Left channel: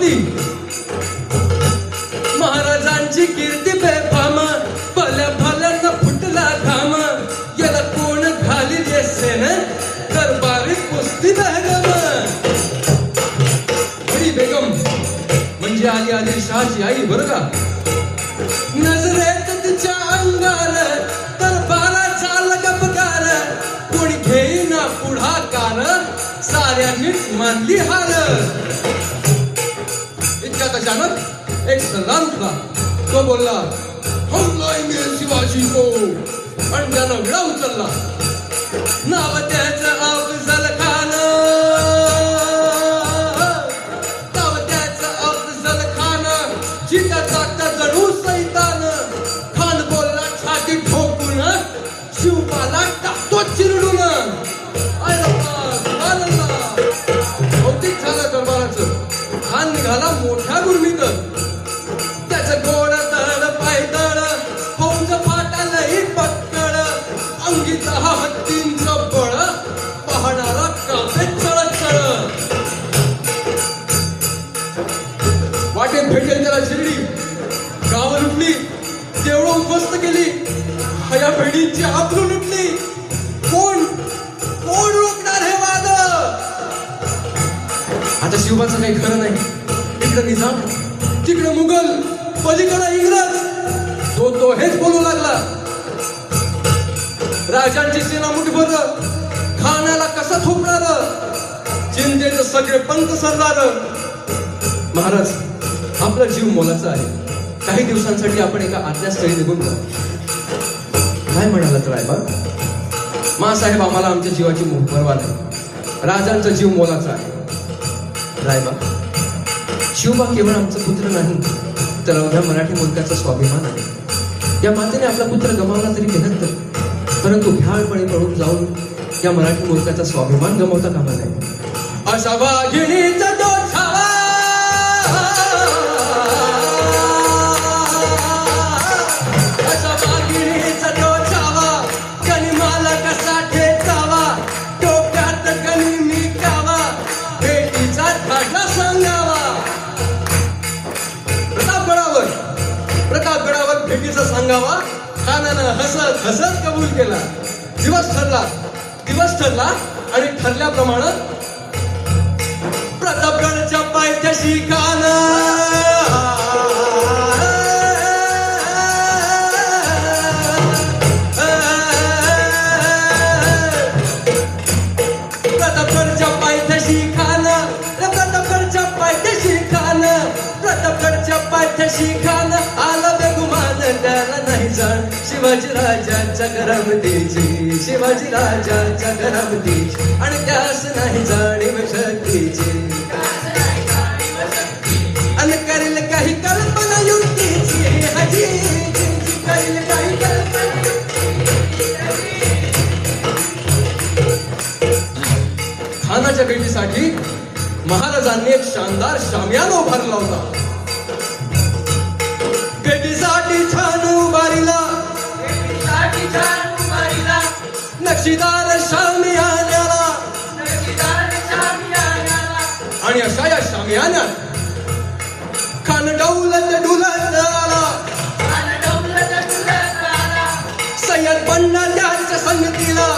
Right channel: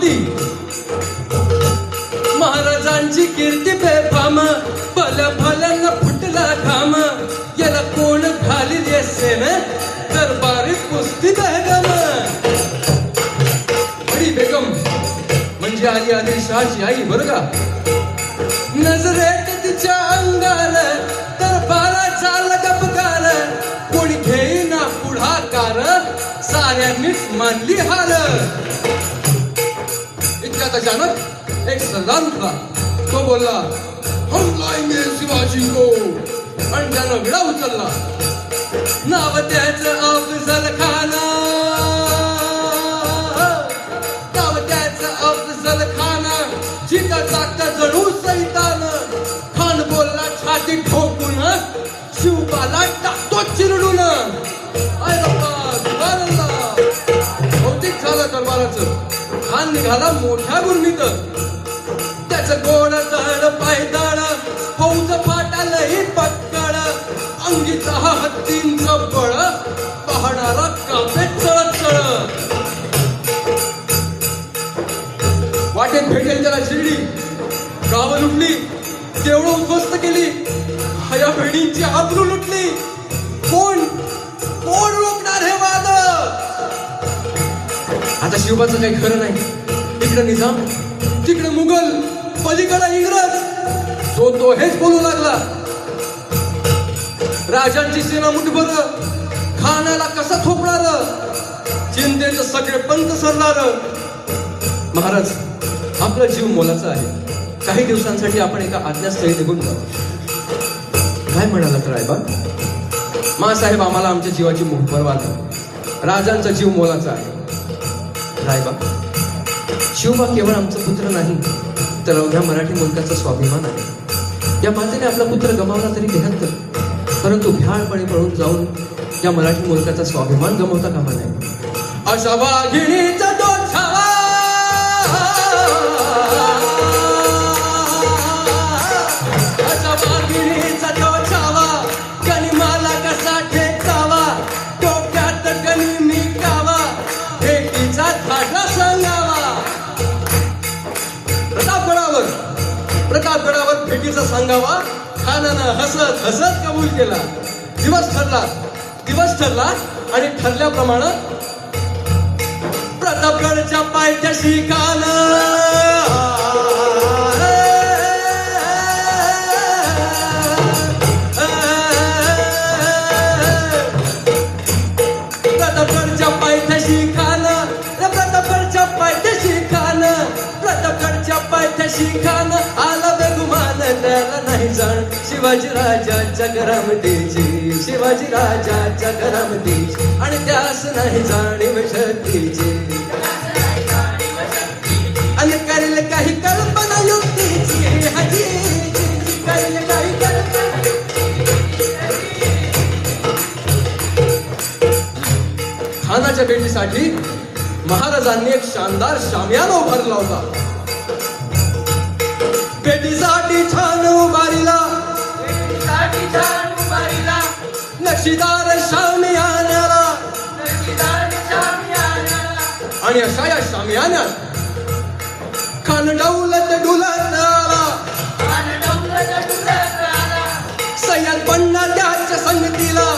होती. महाराजांची कीर्ती बेफाम, भल्या भल्यांना फुटला घाम. याला कोण घालील सेन, दरबारी कुस्ती बेगम. बडी बेगम म्हणजे आली आदिलशहाची आई बरं का. नजरेत तिच्या अंगार दरबाराचा लगबगार. कोणी घेईना पुढाकार, साऱ्यांनीच मानली हार. इतक्यात अचानक एक सरदार उठला. तो बोलला, हमला इंग्रज शिवाजी को. आणि त्यानं विडा उचलला. नाव त्याचं अफजल खान. नाव त्याचं अफजल खान. जिका टाकता जणू सैतान. खान बोलला छाती ठोकून, शिवबाला टाकतो चिरडून. भौतिक झालं दरबाराचं. खान निघाला मोठा गुरमीत. त्याचं गोड दड पायदळ, फौज फाटालही पक्कड. अंगीचा हा हत्तींचं बळ, पाहणारा कापे चढ चढ. वाटेत भेटेल त्याला शिर्डी. गावं लुटली, देवळं उद्ध्वस्त केली. हया भेडींची आबरू लुटली. कोण कोण रोखणार हे वाद. आता शिवबाचं काही खरं नाही. इकडे निजाम, तिकडे मुघल, पलीकडे इंग्रज. तो हेच बोलू लागला. राजांची सेना मुठभर, खानाला कसा थोपणार. चिंतेचं सगळे पंत सरदार. महाराज, आपला जीव मोलाचा आहे. काही दिवसांसाठी आपण एका आज्ञास्थळी निघून जा. काय म्हणालात रायबा. मासाहेब, आम्हाला आमच्या जीवाची परवा नाही. राजांचा जीव मोलाचा आहे. रायबा, शिवबा केवळ आमचा पुत्र नाही, तर अवघ्या मराठी मुलकाचा स्वाभिमान आहे. या मातेने आपला पुत्र गमावला तरी बेहत्तर, परंतु भ्याळपणे पळून जाऊन या मराठी मुलकाचा स्वाभिमान गमावता कामा नये. असा वाघिणीचा तो छावा, असा वाघिणीचा तो छावा. कणी मला कसा ठेकावा, डोक्यात कणी मी कावा. भेटीचा धागा सांगावा. प्रतापगडावर भेटीचा सांगावा. खानानं हसत हसत कबूल केला. दिवस ठरला आणि ठरल्याप्रमाणे प्रतापगडच्या पायथ्याशी खान. प्रतापगडच्या पायथ्याशी खान. प्रतापगडच्या पायथ्याशी खान. प्रतापगडच्या पायथ्याशी खान. आला बेगुमान, त्याला नाही जाण शिवाजी राजाच्या करामतीची. शिवाजी राजाच्या करामतीची. आणि त्यास नाही जाणीव शक्तीची. आणि करेल काही कल्पना युक्तीची. हजी करेल काही कल्पना. खानाच्या भेटीसाठी महाराजांनी एक शानदार शामियाना उभारला होता. भेटीसाठी छान उभारीला. नक्षीदार शामियान्याला. आणि अशा या शामियान्यात खान डौलत डुलत आला. सय्यद बंडा त्याच्या संगतीला.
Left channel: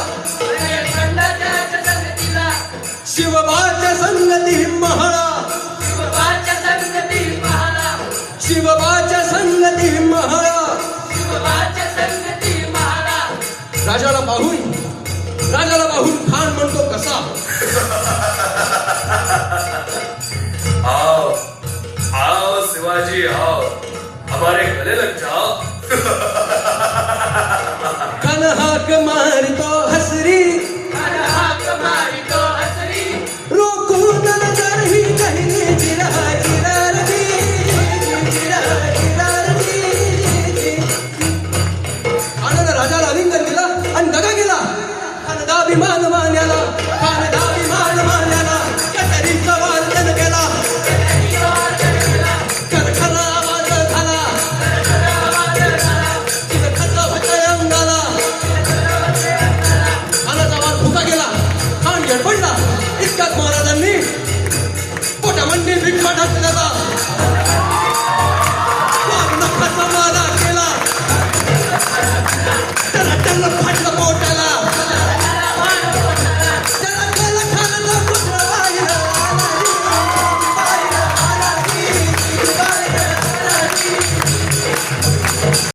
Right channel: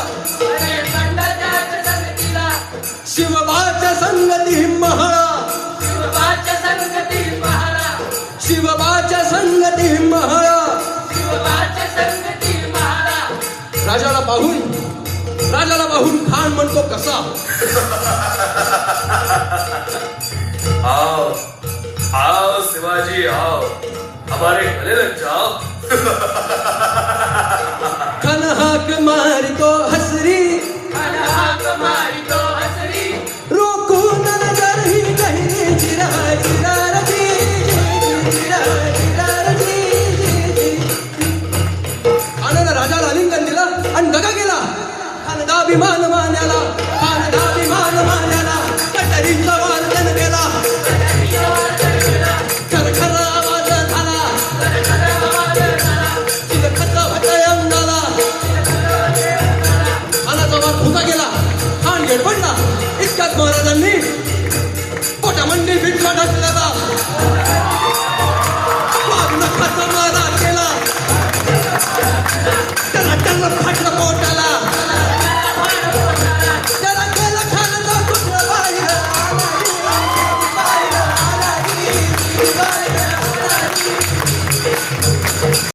शिवबाच्या संगती महाळा. शिवबाच्या संगती महाळा. राजाला पाहून खान म्हणतो कसा. आओ आओ शिवाजी आओ, हमारे गले लग जाओ. खान हाक मारितो हसरी. रोखून नजर ही कहीं जिराजी. खानानं राजाला आलिंगन केलं आणि दगा केला. खानदाभिमान मान्याला. खानदाभिमान मान्याला. कटरीचा वादन केला. खरखरा आवाज झाला. खत अंगाला. खानाचा वाद फुका गेला. खान गडबडला. इतक्यात महाराजांनी पोटामंडी मिठा नसलेला वाघ नखाचा महाराज